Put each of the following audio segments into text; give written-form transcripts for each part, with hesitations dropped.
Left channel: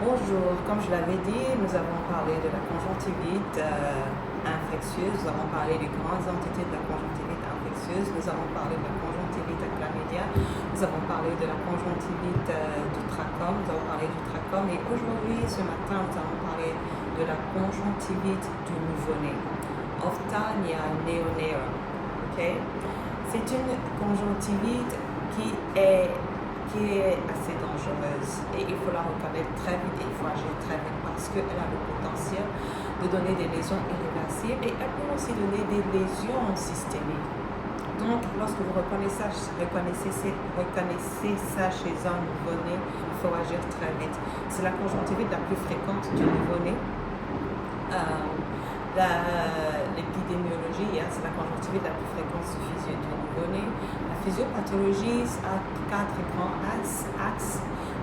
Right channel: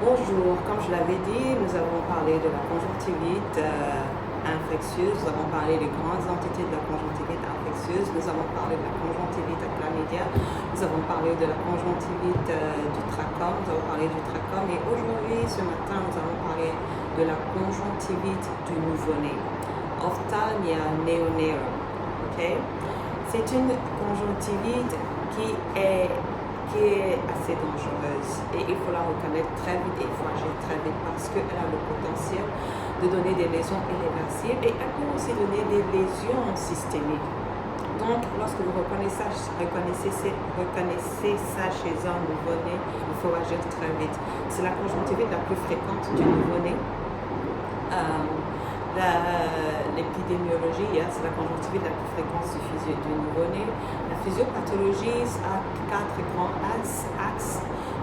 Bonjour, comme je l'avais dit, nous avons parlé de la conjonctivite infectieuse, nous avons parlé des grandes entités de la conjonctivite infectieuse, nous avons parlé de la conjonctivite chlamydia, nous avons parlé de la conjonctivite du trachome, nous avons parlé du trachome et aujourd'hui, ce matin, nous allons parler de la conjonctivite du nouveau-né, Ophtalmia neoneo. Okay? C'est une conjonctivite qui est assez dangereuse et il faut la reconnaître très vite et il faut agir très vite parce qu'elle a le potentiel de donner des lésions irréversibles et elle peut aussi donner des lésions systémiques. Donc, lorsque vous reconnaissez ça chez un nouveau-né, il faut agir très vite. C'est la conjonctivite la plus fréquente du nouveau-né. L'épidémiologie, c'est la conjonctivite la plus fréquente du nouveau-né. La physiopathologie a 4 grands axes.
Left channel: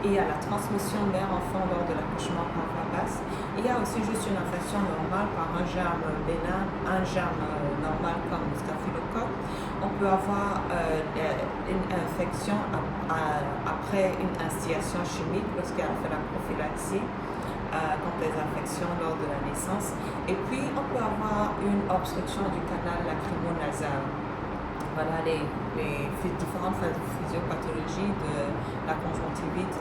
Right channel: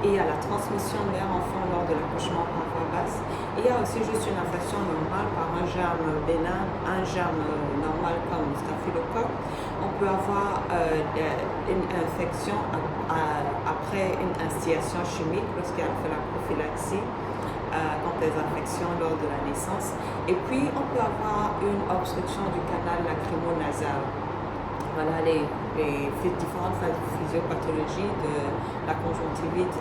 Il y a la transmission mère-enfant lors de l'accouchement par voie basse. Il y a aussi juste une infection normale par un germe bénin, un germe normal comme staphylocoque. On peut avoir une infection après une instillation chimique lorsqu'il a fait la prophylaxie. Contre les infections lors de la naissance. Et puis, on peut avoir une obstruction du canal lacrymo-nasal. Voilà les différentes physiopathologies de la conjonctivite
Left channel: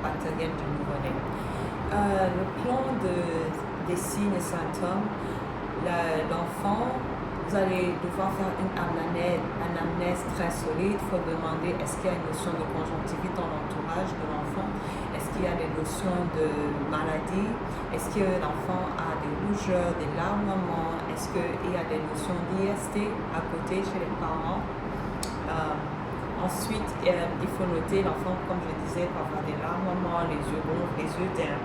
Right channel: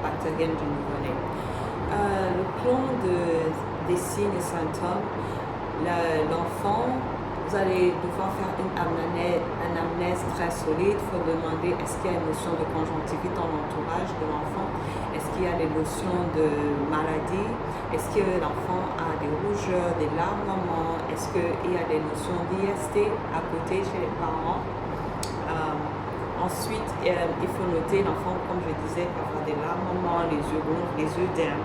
bactérienne du nouveau-né. Le plan des signes et symptômes, l'enfant, vous allez devoir faire une anamnèse très solide. Il faut demander est-ce qu'il y a une notion de conjonctivite dans l'entourage de l'enfant. Est-ce qu'il y a des notions de maladie? Est-ce que l'enfant a des rougeurs, des larmoiements? Est-ce qu'il y a des notions d'IST à côté chez les parents? Ensuite, il faut noter l'enfant, comme je disais, peut avoir des larmoiements, les yeux ronds, les yeux d'herbe.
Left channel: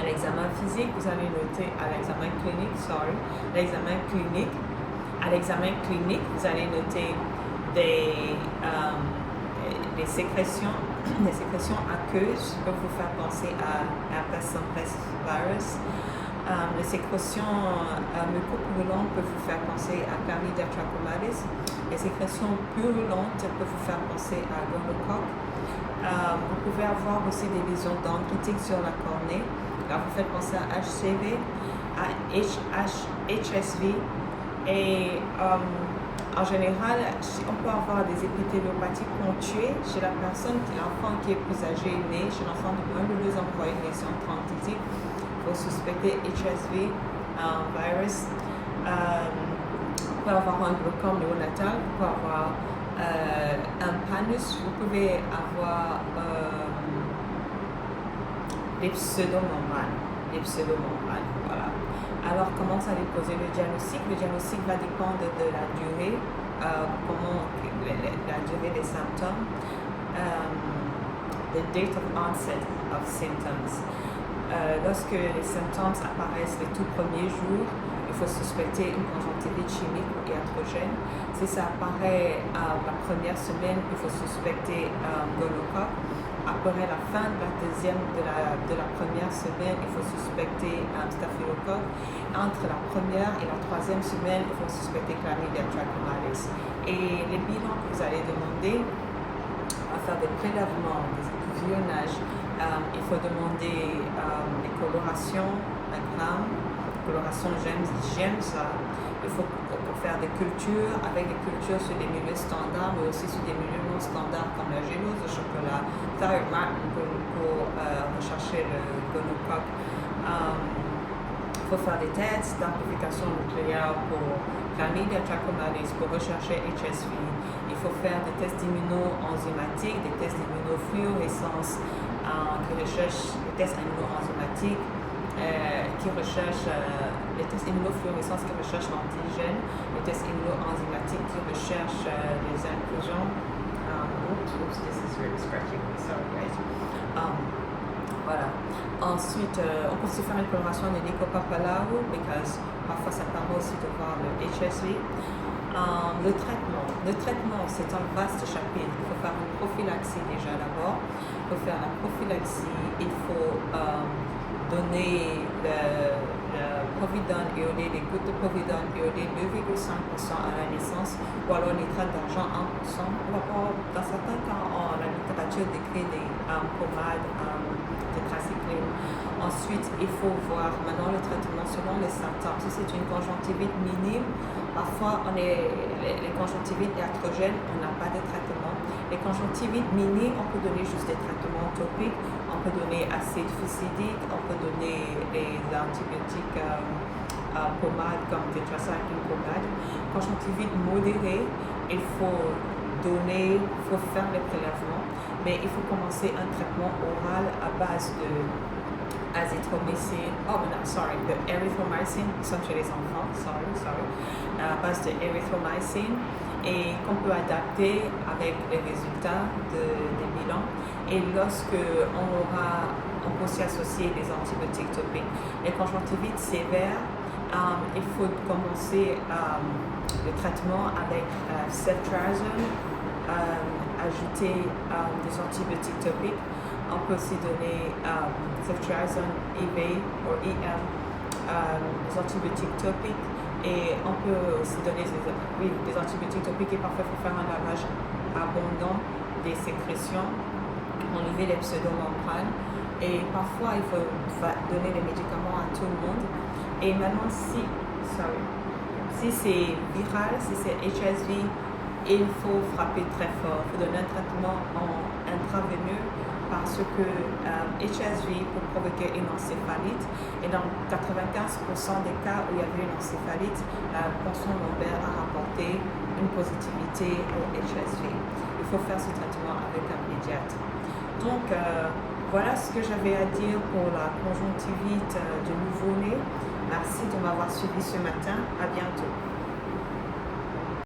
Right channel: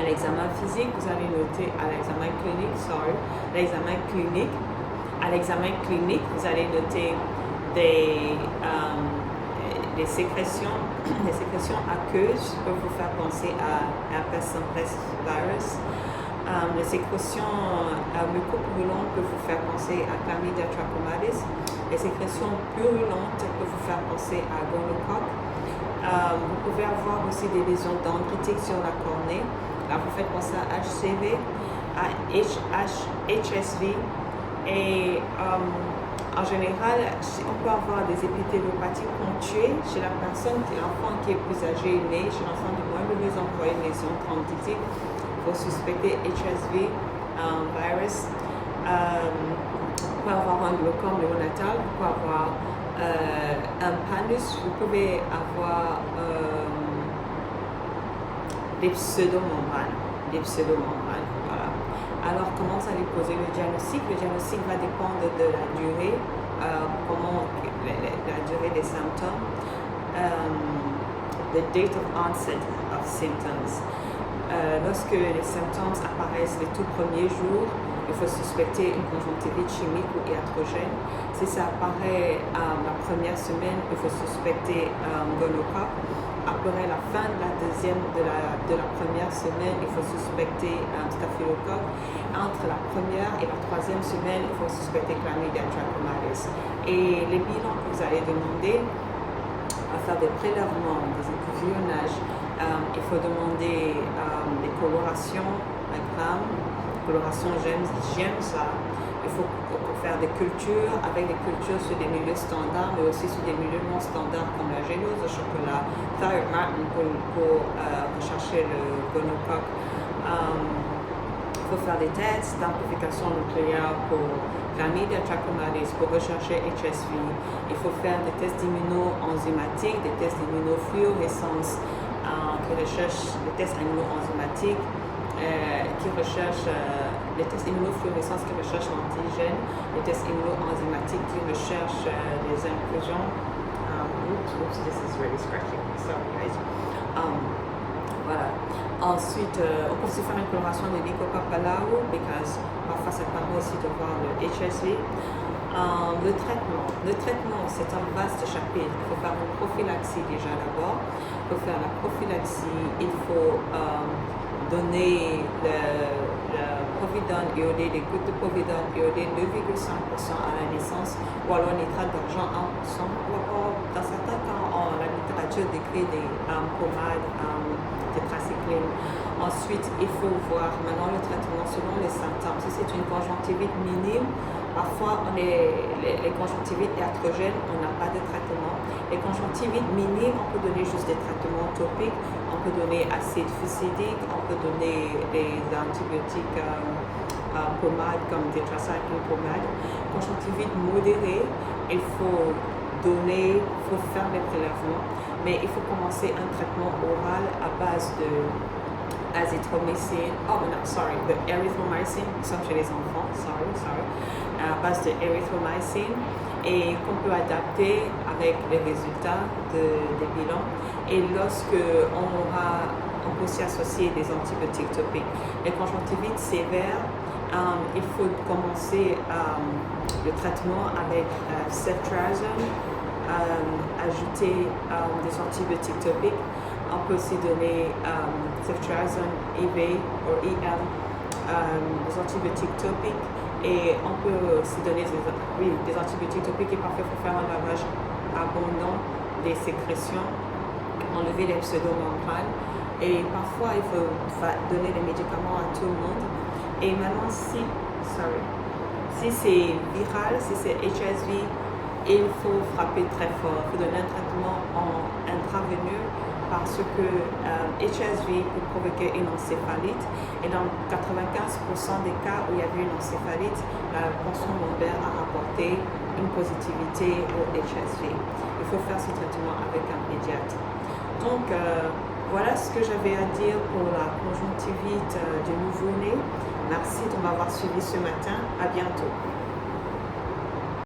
À l'examen physique, vous allez noter à l'examen clinique, à l'examen clinique, vous allez noter des sécrétions aqueuses qui peuvent vous faire penser à herpes simplex virus. Les sécrétions mucopurulentes peuvent vous faire penser à chlamydia trachomatis. Les sécrétions purulentes peuvent vous faire penser à gonocoque. Vous pouvez avoir aussi des lésions dendritiques sur la cornée. Là, vous faites penser à HCV, à HSV. Et en général, on peut avoir des épithéliopathies ponctuées chez la personne, l'enfant qui est plus âgé est né, chez l'enfant de moins de 2 ans, pour une lésion dendritique, pour suspecter HSV virus. Vous pouvez avoir un glaucome néonatal, vous pouvez avoir un panus, vous pouvez avoir des pseudomormales, voilà. Alors, comment vous allez poser le diagnostic? Le diagnostic va dépendre de la durée, la durée des symptômes, the date of onset of symptoms. Lorsque les symptômes apparaissent les tout premiers jours, il faut suspecter une conjonctivite chimique ou iatrogène. Si ça apparaît à la première semaine, il faut suspecter gonocoque. Après la fin de la première semaine, il faut suspecter staphylocoque. Entre la première et la 3e semaine, il faut suspecter chlamydia trachomatis. Et les bilans que vous allez demander, à faire des prélèvements, des échantillonnages, il faut demander des colorations à grammes, coloration j'aime ça. Il faut faire des cultures, avec des cultures sur des milieux standards, mais aussi sur des milieux non standards comme la gélose de chocolat, thyroid martin pour rechercher le gonocoque. Il faut faire des tests d'amplification nucléaire pour chlamydia trachomatis, pour rechercher HSV. Il faut faire des tests immuno-enzymatiques, des tests d'immunofluorescence qui recherchent les tests immuno-enzymatiques qui recherchent les tests immunofluorescence qui recherchent l'antigène, les tests immuno-enzymatiques qui recherchent les inclusions. Oops, this is really scratchy. Sorry, guys. Voilà. Ensuite, on peut aussi faire une coloration de Lycopapalao, parce que parfois ça permet aussi de voir le HSV. Le traitement, c'est un vaste chapitre. Il faut faire une prophylaxie déjà d'abord. Il faut faire la prophylaxie, il faut donner le povidone iodé, les gouttes de povidone iodé 2,5% à la naissance, ou alors nitrate d'argent 1%, ou alors dans certains cas, la littérature décrit des pommades tétracycline Ensuite, il faut voir maintenant le traitement selon les symptômes. Si c'est une conjonctivite minime, parfois les conjonctivites iatrogènes, on n'a pas de traitement. Les conjonctivites minimes, on peut donner juste des traitements topiques, on peut donner acide fusidique, on peut donner des antibiotiques pommades comme des tetracycline pommades. Conjonctivite modérée, il faut faire les prélèvements, mais il faut commencer un traitement oral à base de azithromycine, de erythromycine, ça chez les enfants, à base de erythromycine, et qu'on peut adapter avec les résultats des bilans. Et lorsque on peut aussi associer des antibiotiques topiques. Les conjonctivites sévères, il faut commencer le traitement avec ceftriaxone, ajouter des antibiotiques topiques. On peut aussi donner ceftriaxone IV ou IM, des antibiotiques topiques, et on peut aussi donner des antibiotiques topiques qui parfois il faut faire un lavage abondant des sécrétions, enlever les pseudomembranes, et parfois il faut donner des médicaments à tout le monde. Et maintenant, si c'est viral, si c'est HSV, il faut frapper très fort. Il faut donner un traitement intraveineux parce que HSV peut provoquer une encéphalite. Et dans 95% des cas où il y avait une encéphalite, Pension Lambert a rapporté une positivité au HSV. Il faut faire ce traitement avec un pédiatre. Donc, voilà ce que j'avais à dire pour la conjonctivite du nouveau-né. Merci de m'avoir suivi ce matin. À bientôt.